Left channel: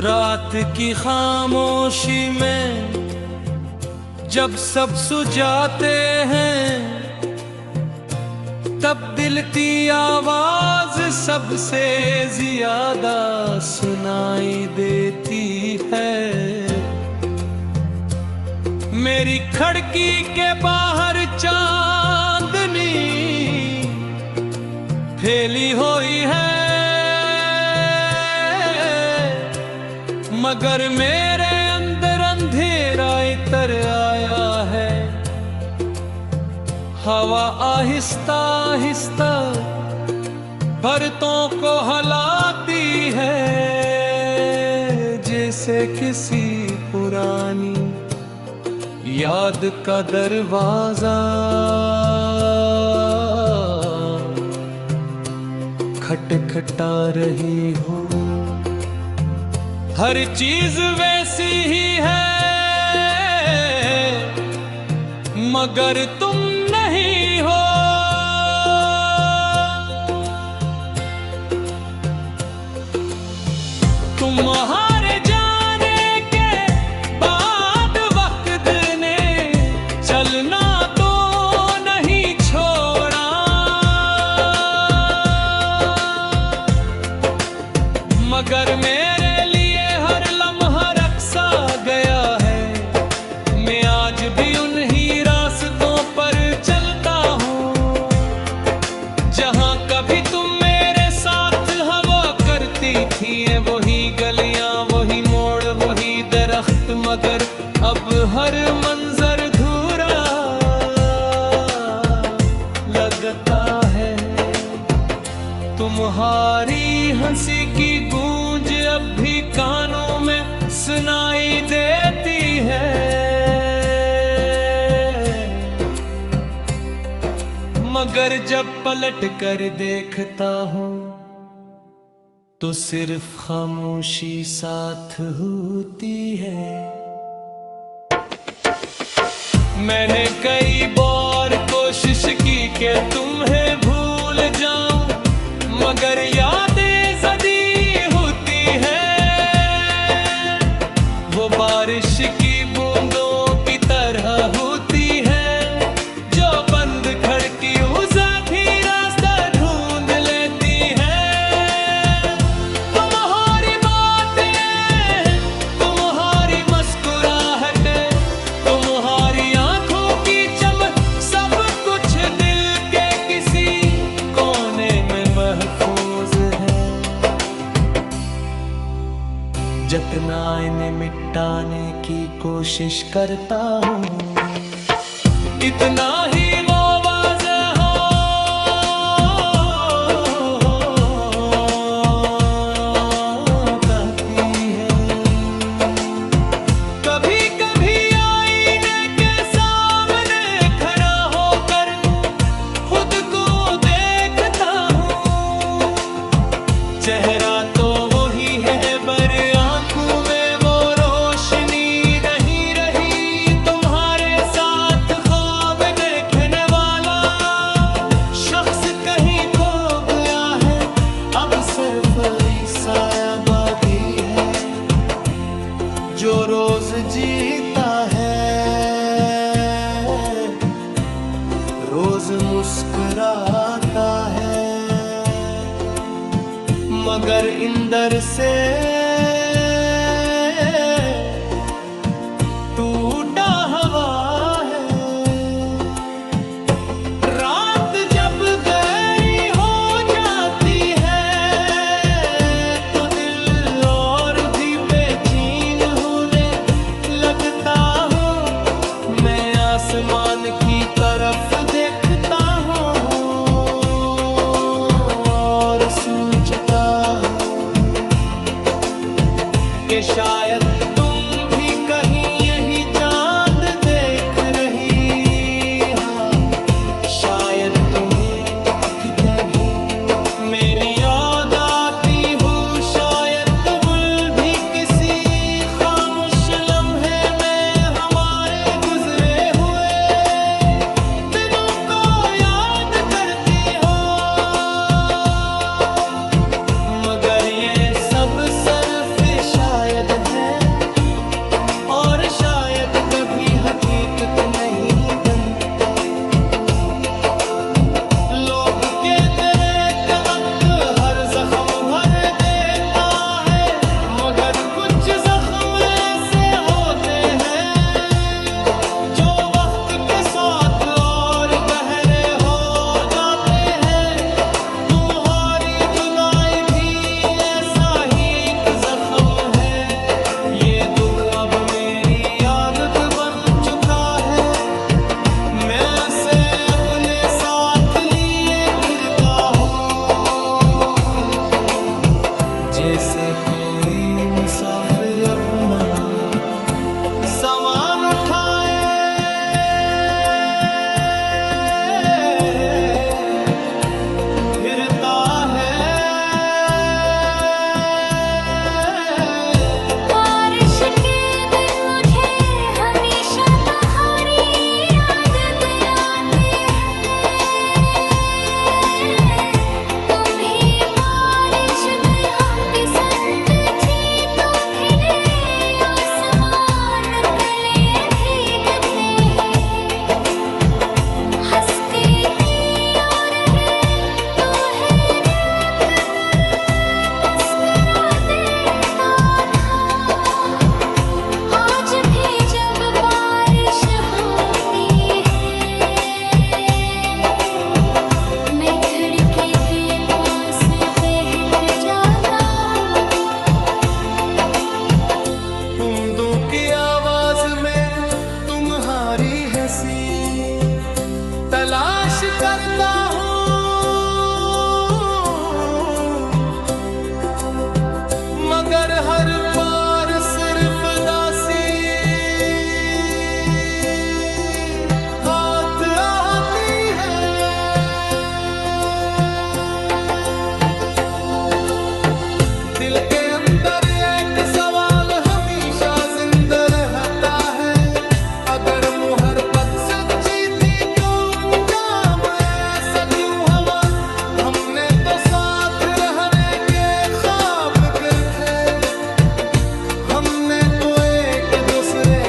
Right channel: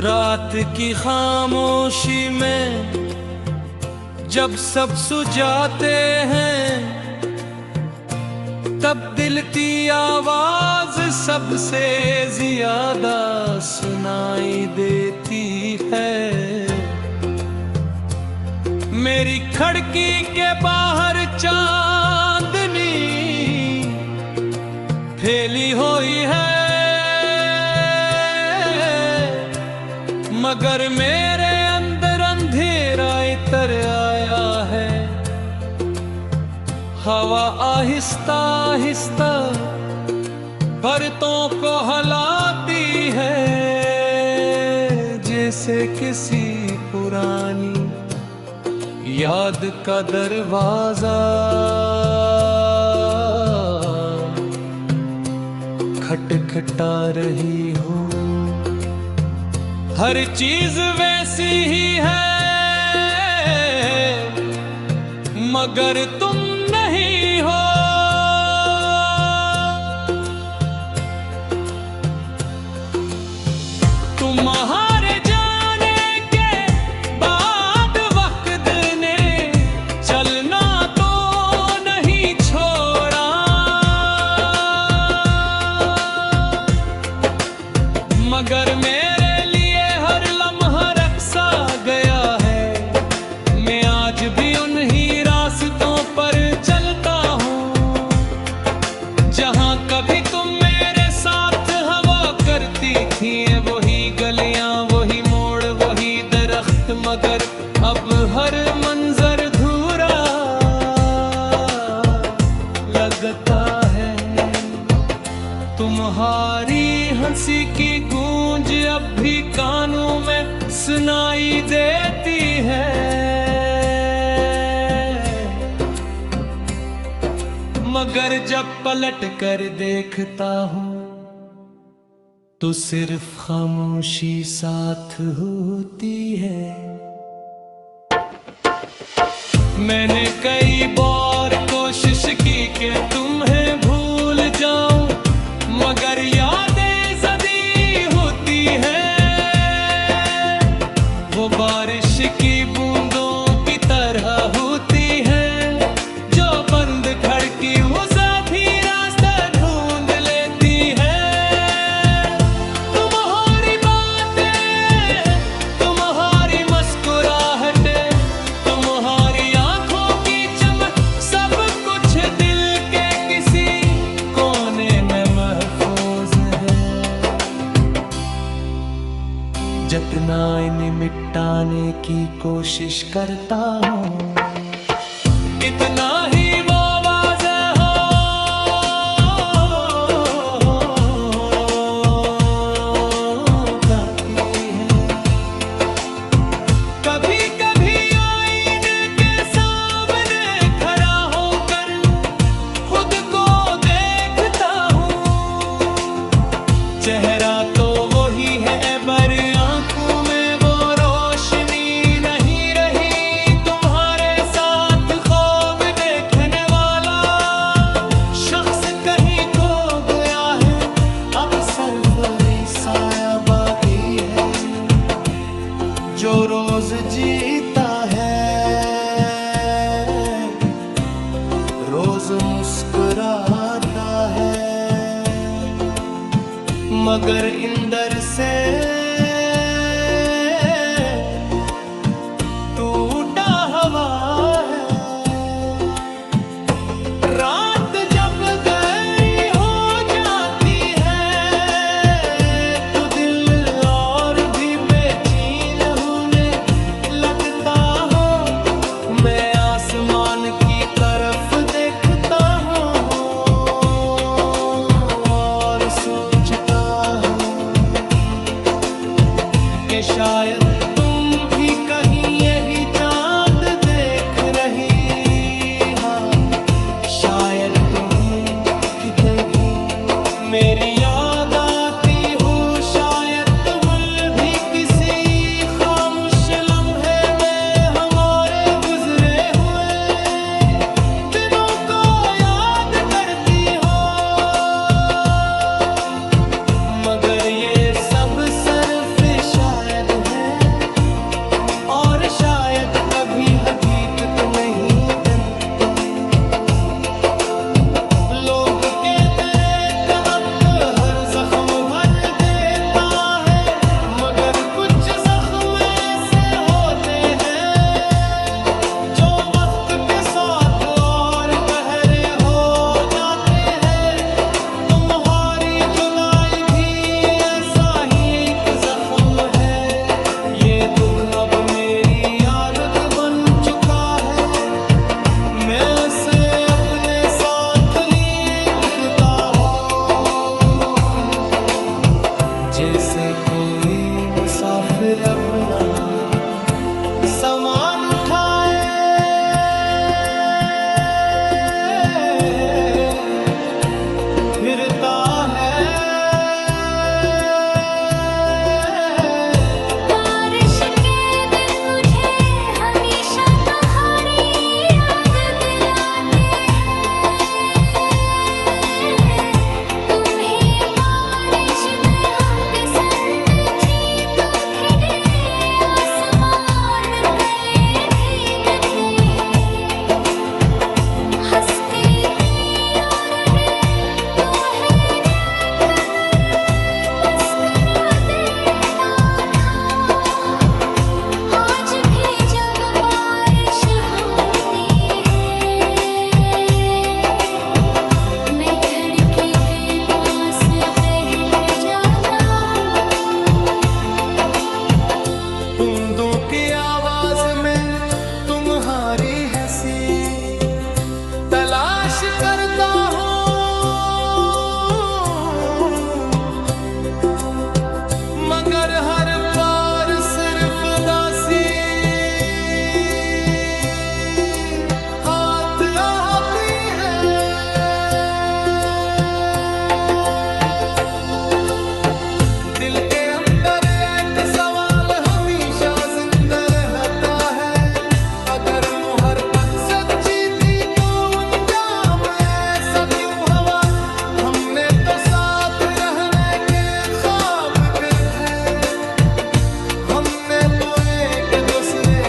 रात की खामोशी में जब सब सुझाते हैं, तब दिल की आवाज सबसे ज्यादा सुनाई देती है। मेरी खिड़की के बाहर चांदनी फैली हुई है, मगर मेरे अंदर अंधेरा इतर आया है। हवा आहिस्ता आहिस्ता परतों को हिलाती है, जैसे किसी पुरानी याद का दरवाजा खटखटा रही हो। हर चीज वैसी ही है, मगर तुम नहीं हो। तुम्हारे जाने के बाद वक्त ने चलना तो नहीं छोड़ा, मगर मेरे भी उन्हीं रास्तों पर चलता हूँ, जहाँ कभी तुम मेरे साथ हवा करती थी। वही गलियां, वही मोड़, वही दरख्त, मगर अब हर मंजर धूरा लगता है। तुम्हारी हंसी की गूंज अब भी कानों में सुनाई देती है, मगर जब पलट कर देखता हूँ तो सिर्फ खामोशी साथ होती है। मैंने कई बार कोशिश की कि तुम्हें भूल जाऊं, मगर यादें ज़दी होती हैं। वो बारिश की बूंदों की तरह होती हैं, जो बंद खिड़की उसे भी रास्ता ढूंढ लेती है। तुम्हारी बातें, तुम्हारी मुस्कुराहटें, तुम्हारी आंखों की चमक, सब कुछ दिल के किसी कोने में महफूज है। जितना इन्हें मिटाने की कोशिश करता हूँ, इतना ही वो वाज़ेह हो जाती है। कभी कभी आईने के सामने खड़ा होकर खुद को देखता हूँ, चेहरा तो वही है पर आंखों में वो रोशनी नहीं रही। तुम्हारे साथ ख्वाब देखने वाला शख्स कहीं खो गया है, अब सिर्फ साया बाकी है जो रोज जीता है, रोज मुस्कुराता है, मगर इंदर से टूटा हवा है। रात जब गहरी हो जाती है तो दिल और भी बेचैन होने लगता हूँ। मैं आसमान की तरफ देखता हूँ और सोचता हूँ कि शायद तुम भी कहीं यही चांद देख रही। हाँ, शायद तुम्हें कितने भी मेरी याद आती हो, शायद तुम भी किसी खामोश लम्हे में हमारे गुजरे हुए दिनों को याद करती हो, मगर ये सब सिर्फ शायद भी हकीकत नहीं बनते। लोग के तेरे तहत हर जख्म भर देता है, मगर कुछ जख्म ऐसे होते हैं जो वक्त के साथ और गहरे हो जाते हैं। तुम्हारी जुदाई भी ऐसा ही एक जख्म है। ये दुख अब मेरी आदत बन चुका है, मैं उसे अपने साथ लिए फिरता हूँ, जैसे कोई मुसाफिर अपना सामान उठाए फिरता है। बूंदों की आवाज में तुम्हारी हंसी तलाश करता हूँ, मगर हर बार सिर्फ दासी हाथ आती है। दिल के अंदर एक सवाल हमेशा जिंदा रहता है, अगर मोहब्बत सच्ची थी तो अंजाम ऐसा क्यों हुआ। हमने तो साथ रहने के ख्वाब फिर थे, हमने तो एक दूसरे